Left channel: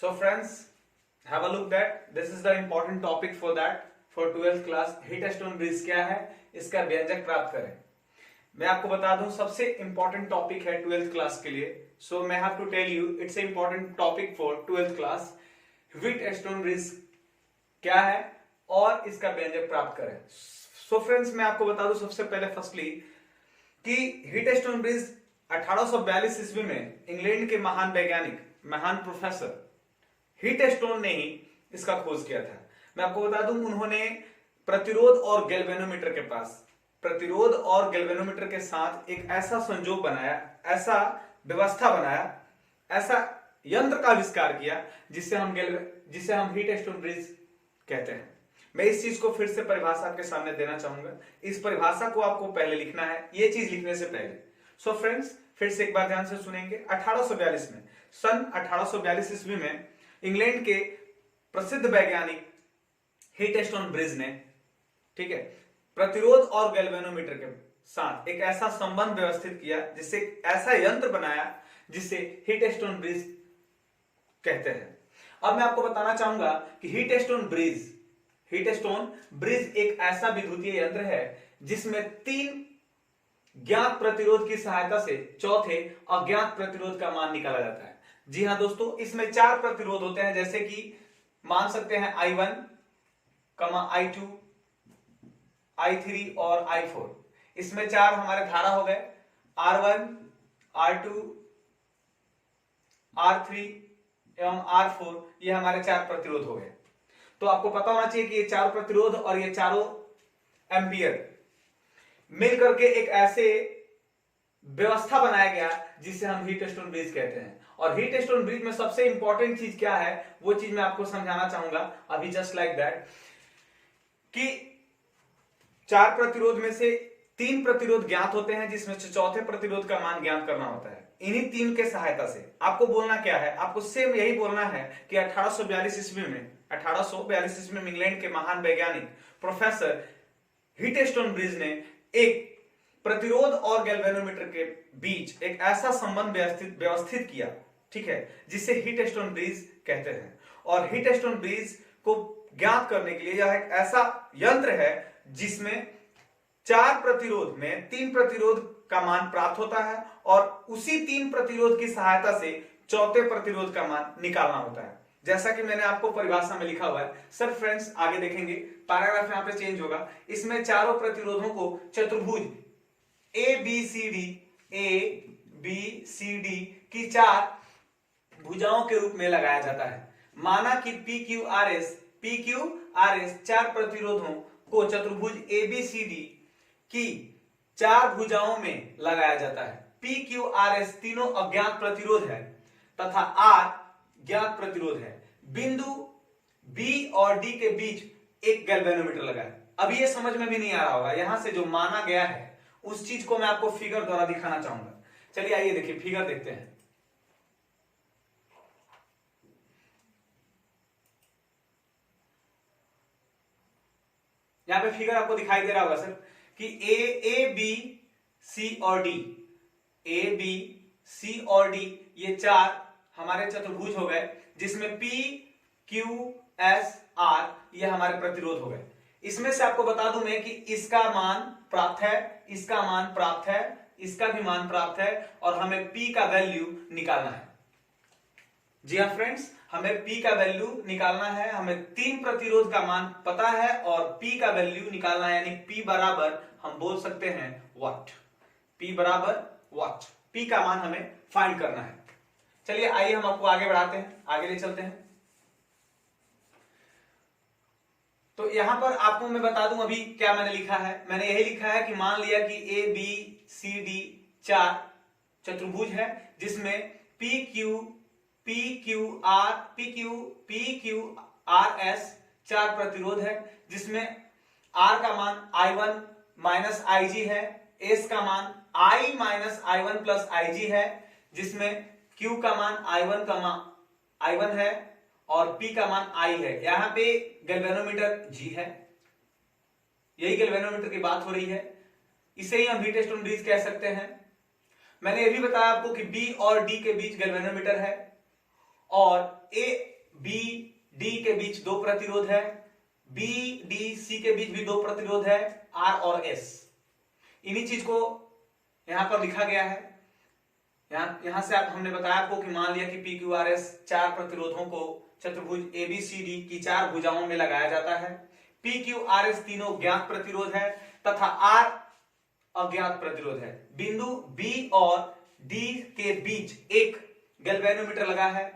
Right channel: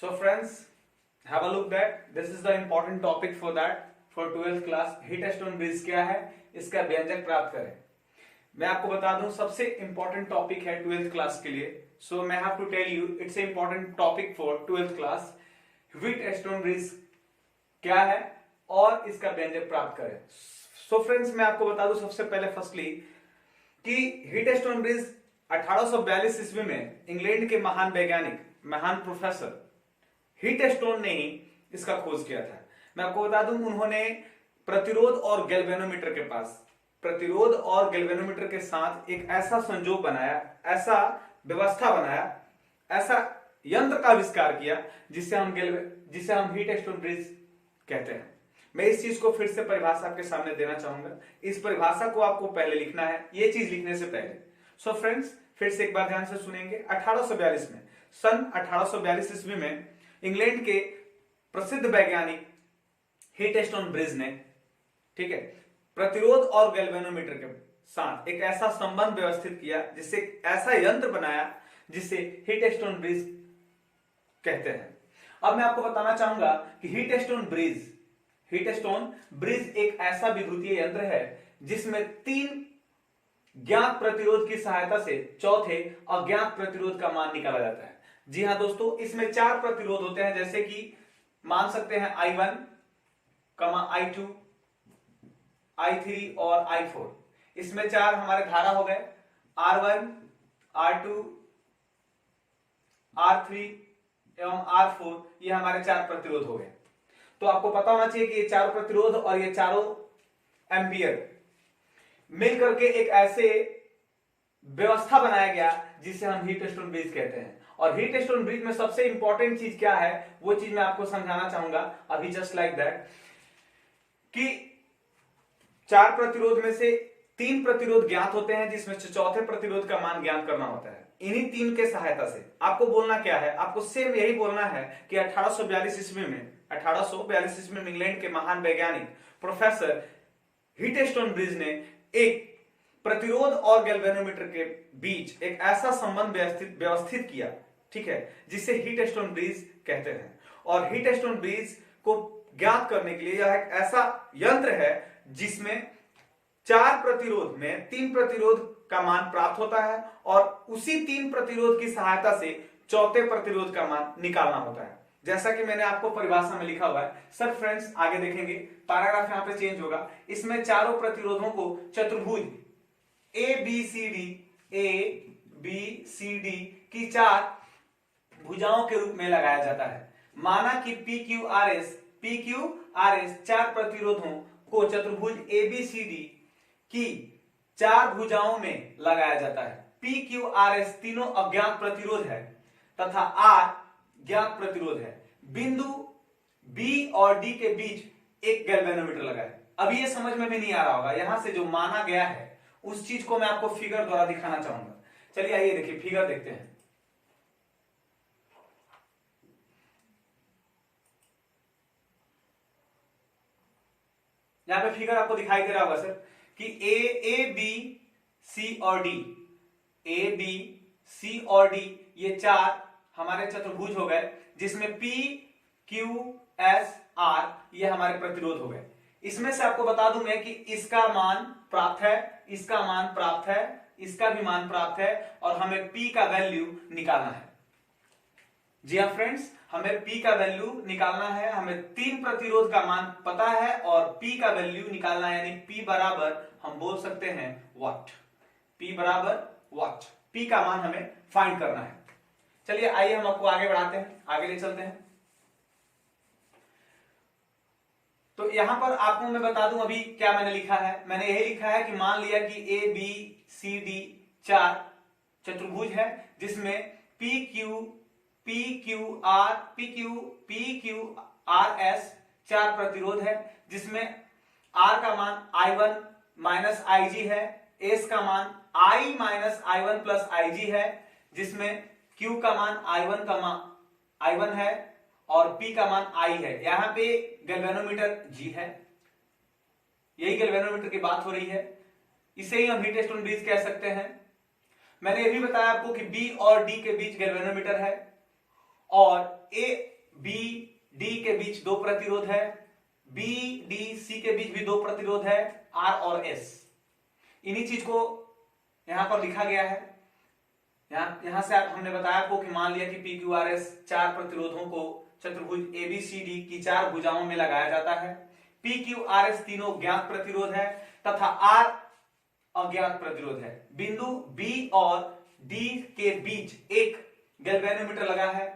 So friends, have a look that this is the important topic for that for 12th class. Heat stone bridge क्या है, इसका व्यंजक प्राप्त करें. मैं आपको बता दूं सबसे इंपॉर्टेंट टॉपिक है 12th क्लास के लिए. सो मैं have to tell you it's a important topic for 12th class. Wheatstone bridge क्या है और इसका व्यंजक प्राप्त करें. सो फ्रेंड्स, मैं आपको बता दूं सबसे पहले फर्स्टली कि हीट स्टोन ब्रिज 1842 ईस्वी में इंग्लैंड के महान वैज्ञानिक, महान प्रोफेसर हीट स्टोन ने ही इसका खोज किया था. मैं आपको बता दूं उन्होंने प्रतिरोध और गैल्वेनोमीटर के पास, प्रतिरोध और गैल्वेनोमीटर के साथ एक ऐसा संजोग बनाया, ऐसा व्यवस्था बनाया, ऐसा यंत्र का आविष्कार किया जिसे हम हीट स्टोन ब्रिज कहते हैं. मैं इस चीज को फिर से परिभाषा आपके सामने देना चाहूंगा. इस परिभाषा को आपको पहले लिखना है, ये चीज लिखने से पहले. सो फ्रेंड्स, फिर से एक बार ध्यान से सुनेंगे. 1842 में, सन 1842 ईस्वी में इंग्लैंड के प्रसिद्ध वैज्ञानिक हीट स्टोन ब्रिज ने, ठीक है, प्रतिरोध और गैल्वेनोमीटर के साथ एक ऐसा संबंध व्यवस्थित किया, जिससे ऐसा यंत्र बनाया जिसे हीट स्टोन ब्रिज कहते हैं. अब मैं आपको बताना चाहूंगा कि हीट स्टोन ब्रिज एक ऐसा विद्युतीय यंत्र है जिसमें 3 ज्ञात प्रतिरोध की सहायता से चौथे अज्ञात प्रतिरोध का मान निकाला जाता है. जी हां दोस्तों, इसमें 4 प्रतिरोध होते हैं, जैसे कि मान सकते हैं I1, I2, I3 और I4. इसमें 4 हमारे धारा हो गए, R1, R2, R3 एवं R4. ये हमारे 4 प्रतिरोध हो गए. तो आपको पता होना चाहिए कि ये 4 प्रतिरोध और ये चारों एम्पियर मिलकर के एक ऐसे व्यवस्था बनाया गया जिसे हम हीट स्टोन ब्रिज कहते हैं. और हीट स्टोन ब्रिज में सबसे इंपॉर्टेंट चीज क्या है, वो चीज मैं आपको समझाना चाहूंगा अभी, जस्ट लाइक दैट, कि 4 प्रतिरोध में से 3 प्रतिरोध ज्ञात होते हैं, जिसमें चौथे प्रतिरोध का मान ज्ञात करना होता है. इन्हीं 3 के सहायता से आपको बोलना क्या है, आपको सेम यही बोलना है कि 1842 ईस्वी में इंग्लैंड के महान वैज्ञानिक प्रोफेसर हीट स्टोन ब्रिज ने एक प्रतिरोध और गैल्वेनोमीटर के बीच एक ऐसा संबंध व्यवस्थित किया, ठीक है, जिसे हीट स्टोन ब्रिज कहते हैं. और हीट स्टोन ब्रिज को ज्ञात करने के लिए यह एक ऐसा यंत्र है जिसमें 4 प्रतिरोध में 3 प्रतिरोध का मान प्राप्त होता है और उसी 3 प्रतिरोध की सहायता से चौथे प्रतिरोध का मान निकालना होता है, जैसा कि मैंने आपको परिभाषा में लिखा हुआ है. सर फ्रेंड्स, आगे देखेंगे, पैराग्राफ यहां पे चेंज होगा. इसमें चारों प्रतिरोधों को चतुर्भुज ए बी सी डी की 4 भुजाओं के रूप में लगाया जाता है. माना कि पी क्यू आर एस 4 प्रतिरोधों को चतुर्भुज ABCD की 4 भुजाओं में लगाया जाता है. पी क्यू आर एस तीनों अज्ञात प्रतिरोध है तथा R ज्ञात प्रतिरोध है. बिंदु B और D के बीच एक गैल्वेनोमीटर लगा है. अभी ये समझ में भी नहीं आ रहा होगा, यहां से जो माना गया है उस चीज को मैं आपको फिगर द्वारा दिखाना चाहूंगा. चलिए आइए देखिए, फिगर देखते हैं. यहां पे फिगर आपको दिखाई दे रहा होगा सर कि ए बी सी और डी ये 4 हमारे चतुर्भुज हो गए, जिसमें P Q S R ये हमारे प्रतिरोध हो गए. इसमें से आपको बता दूं मैं कि इसका मान प्राप्त है, इसका मान प्राप्त है, इसका भी मान प्राप्त है, और हमें P का वैल्यू निकालना है. जी हाँ फ्रेंड्स, हमें P का वैल्यू निकालना है. हमें 3 प्रतिरोध का मान पता है और P का वैल्यू निकालना है, यानी P बराबर हम बोल सकते हैं वाट. P बराबर वाट, P का मान हमें फाइंड करना है. चलिए आइए हम आपको आगे बढ़ाते हैं, आगे ले चलते हैं. तो यहां पर आपको मैं बता दूं अभी क्या मैंने लिखा है. मैंने यही लिखा है कि मान लिया कि ABCD 4 चतुर्भुज है, जिसमें PQRS 4 प्रतिरोध है, जिसमें R का मान I1 माइनस IG है, S का मान I minus I1 plus IG है, जिसमें Q का मान I1 है और P का मान I है. यहां पे गैल्वेनोमीटर G है, यही गैल्वेनोमीटर की बात हो रही है. इसे ही हम हीट स्टोन ब्रिज कह सकते हैं. मैंने यह भी बताया आपको कि B और D के बीच गैल्वेनोमीटर है और ए बी डी के बीच 2 प्रतिरोध है, बी डी सी के बीच भी 2 प्रतिरोध है, आर और एस। इन्हीं चीज को यहां पर लिखा गया है। यहां से हमने बताया आपको कि मान लिया कि पी क्यू आर एस 4 प्रतिरोधों को चतुर्भुज एबीसीडी की 4 भुजाओं में लगाया जाता है। पी क्यू आर एस तीनों ज्ञात प्रतिरोध है तथा आर अज्ञात प्रतिरोध है। बिंदु बी और डी के बीच एक गैल्वेनोमीटर लगा है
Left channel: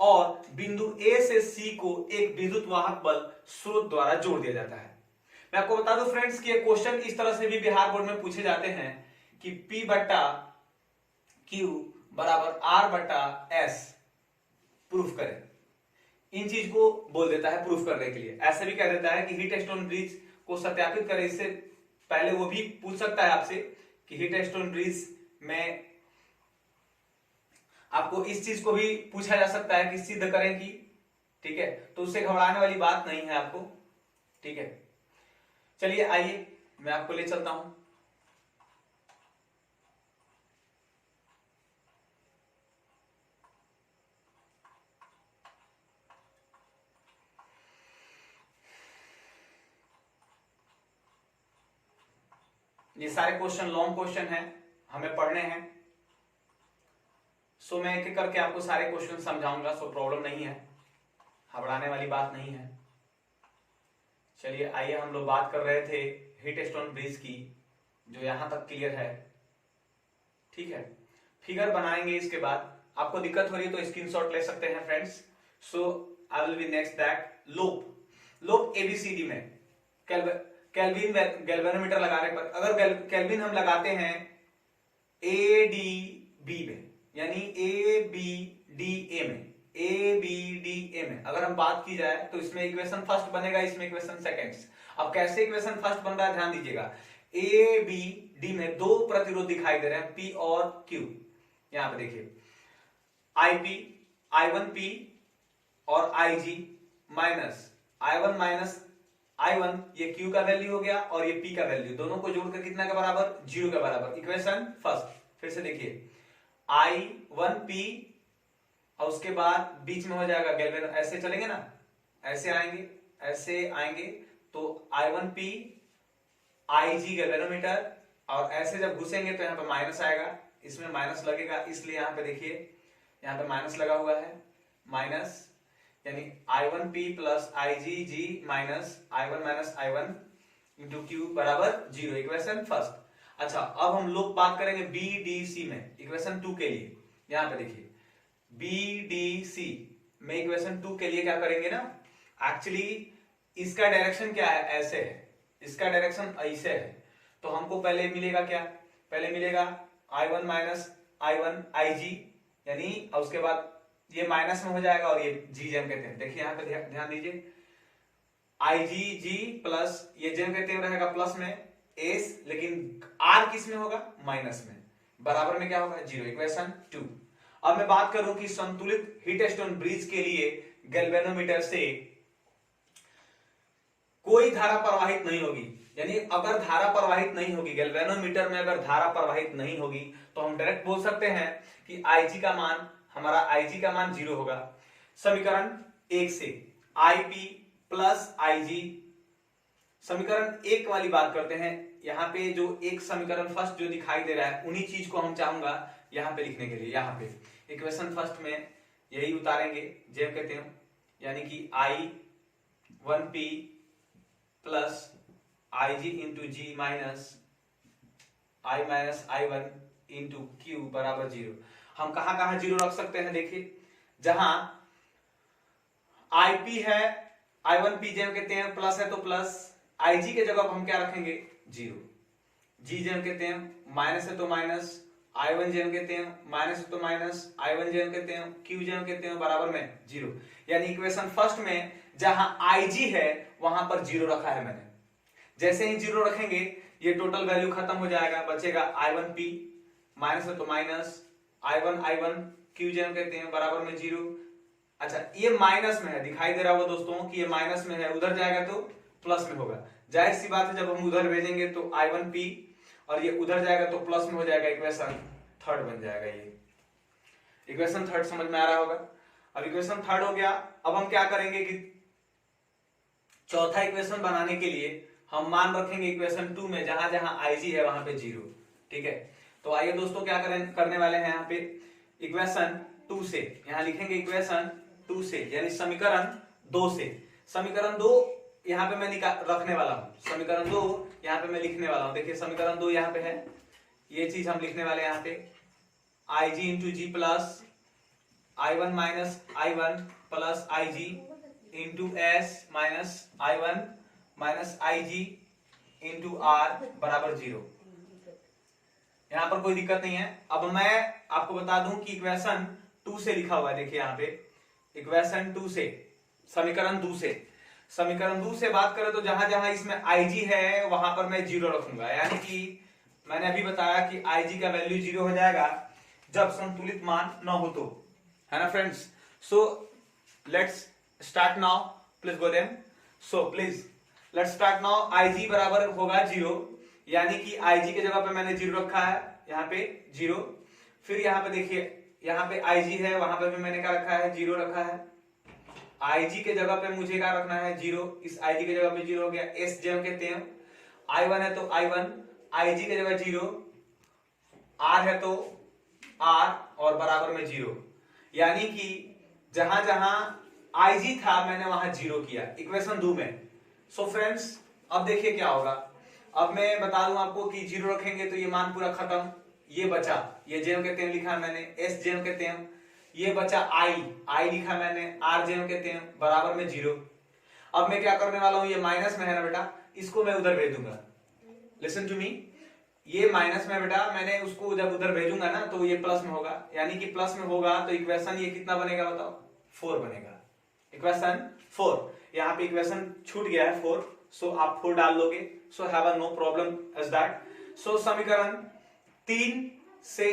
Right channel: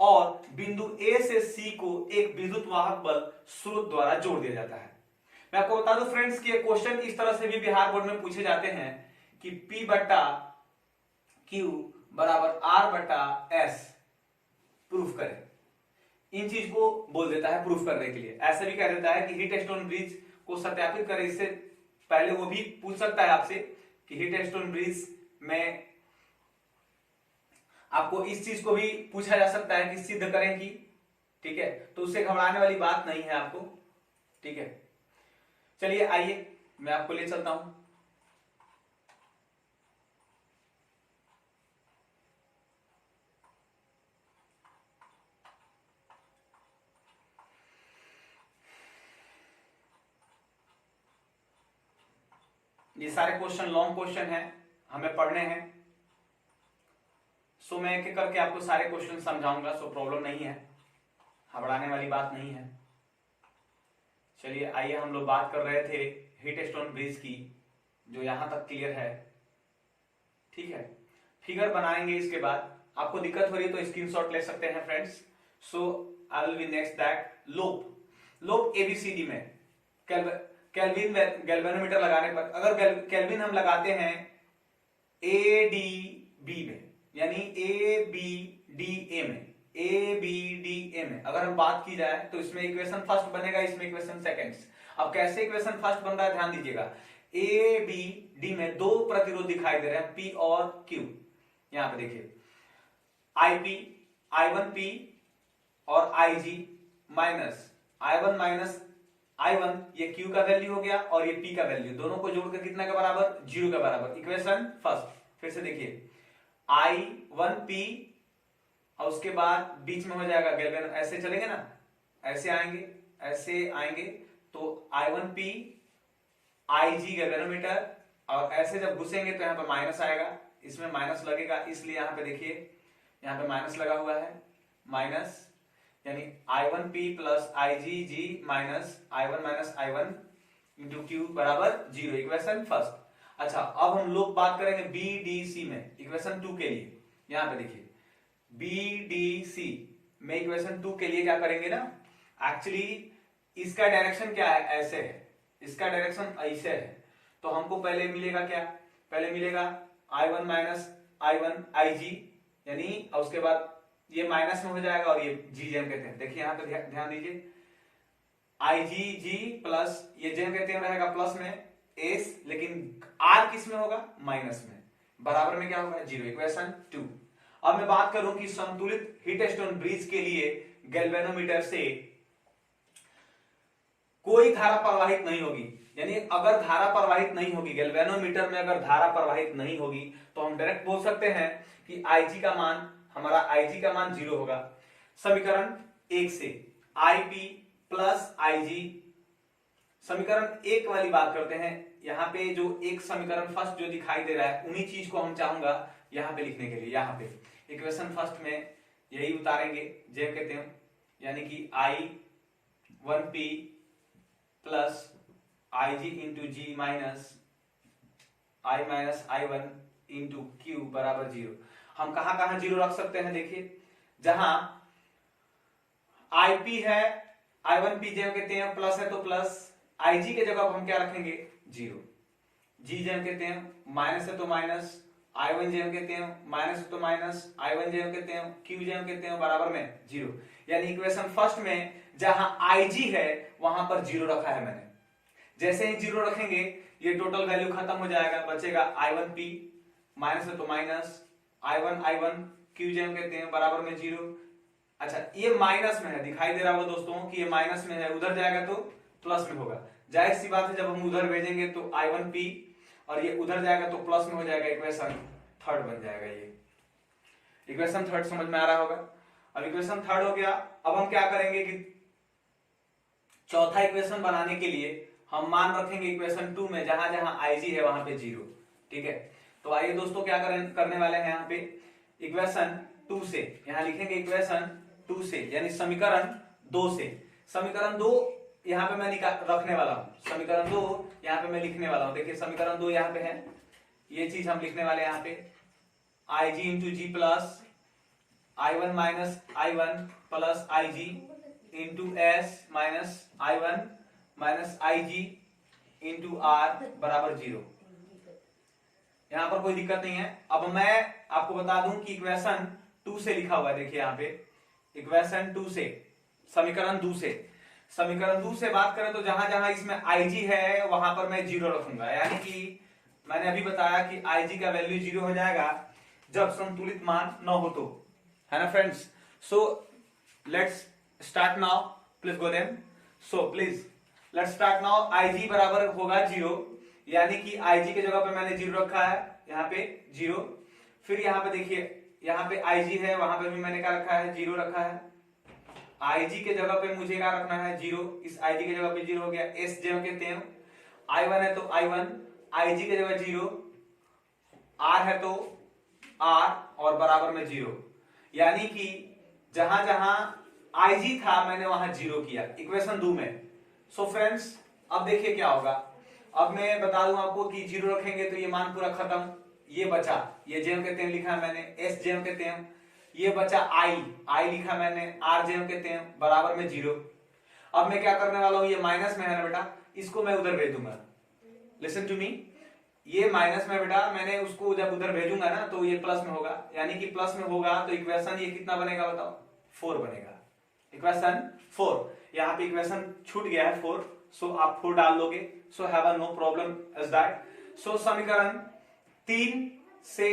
और बिंदु ए से सी को एक विद्युत वाहक बल स्रोत द्वारा जोड़ दिया जाता है। मैं आपको बता दूं फ्रेंड्स कि ये क्वेश्चन इस तरह से भी बिहार बोर्ड में पूछे जाते हैं कि P बट्टा Q बराबर R बट्टा S प्रूफ करें। इन चीज को बोल देता है प्रूफ करने के लिए। ऐसे भी कह देता है कि हीट स्टोन ब्रिज को सत्यापित करें। इससे पहले वो भी पूछ सकता है आपसे कि हीट स्टोन ब्रिज में आपको इस चीज को भी पूछा जा सकता है कि सिद्ध करें कि, ठीक है, तो उससे घबराने वाली बात नहीं है आपको, ठीक है। चलिए आइए मैं आपको ले चलता हूं। ये सारे क्वेश्चन लॉन्ग क्वेश्चन हैं, हमें पढ़ने हैं। सो मैं एक एक करके आपको सारे क्वेश्चन समझाऊंगा, सो प्रॉब्लम नहीं है, घबराने वाली बात नहीं है। चलिए आइए, हम लोग बात कर रहे थे हीट स्टोन ब्रिज की, जो यहां तक क्लियर है, ठीक है। फिगर बनाएंगे, इसके बाद आपको दिक्कत हो रही है तो स्क्रीनशॉट ले सकते हैं friends. So I will be next that लोप एबीसीडी में केल्विन गैल्वेनोमीटर लगाने पर, अगर केल्विन हम लगाते हैं ए डी बी में, यानी ए बी डी ए में, अगर हम बात की जाए तो इसमें इक्वेशन फर्स्ट बनेगा, इसमें इक्वेशन सेकंड्स। अब कैसे इक्वेशन फर्स्ट बन रहा है ध्यान दीजिएगा। ए बी डी में 2 प्रतिरोध दिखाई दे रहे हैं, पी और क्यू। यहां पे देखिए आईपी I1P और IG माइनस I1 ये Q का वैल्यू हो गया और ये P का वैल्यू, दोनों को जोड़कर कितना के बराबर, 0 के बराबर। इक्वेशन फर्स्ट फिर से देखिए I1P और उसके बाद बीच में हो जाएगा गैल्वेनो, ऐसे चलेंगे ना, ऐसे आएंगे तो I1P IG गैल्वेनोमीटर, और ऐसे जब घुसेंगे तो यहाँ पे माइनस आएगा, इसमें माइनस लगेगा, इसलिए यहाँ पे देखिए यहाँ पे माइनस लगा हुआ है, माइनस यानी I1P plus IgG minus I1 into Q बराबर 0, इक्वेशन फर्स्ट। अच्छा, अब हम लोग बात करेंगे BDC में, इक्वेशन 2 के लिए। यहां पे देखिए BDC में इक्वेशन 2 के लिए क्या करेंगे ना, एक्चुअली इसका डायरेक्शन क्या है, ऐसे है, इसका डायरेक्शन ऐसे है, तो हमको पहले मिलेगा क्या, पहले मिलेगा I1 माइनस IG, यानी उसके बाद ये माइनस में हो जाएगा और ये जी जेम कहते हैं। देखिए यहाँ पे ध्यान दीजिए, IgG प्लस ये जेम कहते हैं रहेगा प्लस में एस, लेकिन आर किस में होगा, माइनस में, बराबर में क्या होगा, 0, इक्वेशन 2। अब मैं बात करूं कि संतुलित हीट स्टोन ब्रिज के लिए गैल्वेनोमीटर से कोई धारा प्रवाहित नहीं होगी, यानी अगर धारा प्रवाहित नहीं होगी, गैल्वेनोमीटर में अगर धारा प्रवाहित नहीं होगी तो हम डायरेक्ट बोल सकते हैं कि IG का मान, हमारा IG का मान 0 होगा। समीकरण 1 से IP प्लस IG, समीकरण 1 वाली बात करते हैं। यहाँ पे जो एक समीकरण फर्स्ट जो दिखाई दे रहा है, उन्हीं चीज को हम चाहूंगा यहाँ पे लिखने के लिए। यहाँ पे इक्वेशन फर्स्ट में यही उतारेंगे, जेम कहते हैं, यानी कि I1P प्लस IG इंटू जी माइनस I1 इंटू क्यू बराबर 0। हम कहां कहां 0 रख सकते हैं, देखिए जहां IP है, I1P जेम कहते हैं, प्लस है तो प्लस, IG के जगह हम क्या रखेंगे, 0, G जेम कहते हैं, माइनस है तो माइनस, I1 जेम कहते हैं, माइनस है तो माइनस, I1 जेम कहते हैं, Q जेम कहते हैं, बराबर में 0। यानी इक्वेशन फर्स्ट में जहां IG है वहां पर 0 रखा है मैंने। जैसे ही 0 रखेंगे ये टोटल वैल्यू खत्म हो जाएगा, बचेगा I1P, माइनस है तो माइनस, I1 Q जेम कहते हैं, बराबर में 0। अच्छा, ये माइनस में है, दिखाई दे रहा होगा दोस्तों कि ये माइनस में है, उधर जाएगा तो प्लस में होगा। जाहिर सी बात है, जब हम उधर भेजेंगे तो I1P और ये उधर जाएगा तो प्लस में हो जाएगा, इक्वेशन थर्ड बन जाएगा। ये इक्वेशन थर्ड समझ में आ रहा होगा। अब इक्वेशन थर्ड हो गया। अब हम क्या करेंगे कि चौथा इक्वेशन बनाने के लिए हम मान रखेंगे इक्वेशन 2 में जहां जहां IG है वहां पे 0। ठीक है, तो आइए दोस्तों क्या करने वाले हैं यहाँ पे इक्वेशन 2 से, यहां लिखेंगे इक्वेशन 2 से यानी समीकरण 2 से। समीकरण 2 यहाँ पे मैं रखने वाला हूं, समीकरण 2 यहाँ पे मैं लिखने वाला हूं। देखिए समीकरण 2 यहाँ पे है, ये चीज हम लिखने वाले हैं यहाँ पे IG into G plus I1 minus I1 plus IG into S minus I1 minus IG into R बराबर 0। यहां पर कोई दिक्कत नहीं है। अब मैं आपको बता दूं कि इक्वेशन 2 से लिखा हुआ है, देखिए यहां पे इक्वेशन 2 से, समीकरण 2 से, समीकरण 2 से बात करें तो जहां जहां इसमें IG है वहां पर मैं 0 रखूंगा, यानी कि मैंने अभी बताया कि IG का वैल्यू 0 हो जाएगा जब संतुलित मान न हो तो, है ना friends. So let's start now, please go them. So please let's start now. IG बराबर होगा 0, यानी कि IG के जगह पे मैंने 0 रखा है, यहाँ पे 0। फिर यहाँ पे देखिए यहाँ पे IG है, वहां पे भी मैंने क्या रखा है 0 रखा है। IG के जगह पे मुझे क्या रखना है 0, इस IG के जगह पे 0 हो गया। S ज्यों के त्यों, I1 है तो I1, IG के जगह 0, R है तो R और बराबर में 0, यानी कि जहां जहां IG था मैंने वहां 0 किया इक्वेशन 2 में। सो फ्रेंड्स अब देखिए क्या होगा। अब मैं बता दूं आपको कि 0 रखेंगे तो ये मान पूरा खत्म, ये बचा, ये जेम के तेम लिखा है मैंने, एस जेम के तेम, ये बचा आई लिखा मैंने, आर जेम के तेम बराबर में 0। अब मैं क्या करने वाला हूं, ये माइनस में है ना बेटा, इसको मैं उधर भेज दूंगा। लिसन टू मी, ये माइनस में बेटा, मैंने उसको जब उधर भेजूंगा ना तो ये प्लस में होगा, यानी कि प्लस में होगा तो इक्वेशन ये कितना बनेगा बताओ, 4 बनेगा। इक्वेशन 4, यहाँ पे इक्वेशन छूट गया है 4, सो आप 4 डाल लोगे। So have no problem as that. So समीकरण 3 से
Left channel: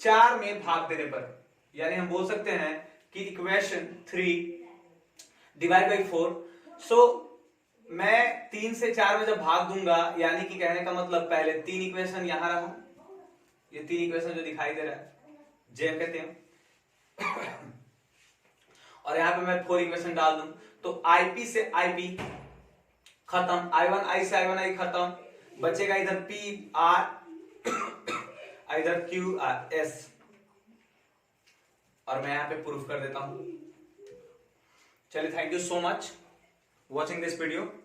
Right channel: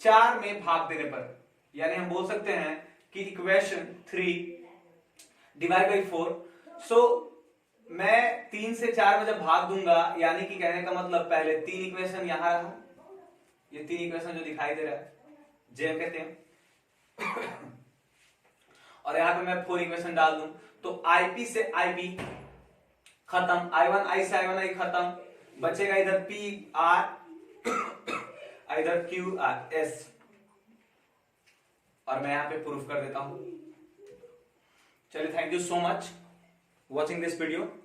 4 में भाग देने पर, यानी हम बोल सकते हैं कि इक्वेशन 3 डिवाइड बाई 4। सो मैं 3 से 4 में जब भाग दूंगा, यानी कि कहने का मतलब पहले 3 इक्वेशन यहां रहा, ये 3 इक्वेशन जो दिखाई दे रहा है जे कहते हैं, और यहां पे मैं 4 इक्वेशन डाल दूं तो IP से IP खत्म, I1 से I1 I खत्म, बचेगा इधर PR इधर QRS, और मैं यहां पे प्रूफ कर देता हूं। चलिए, thank you so much watching this video.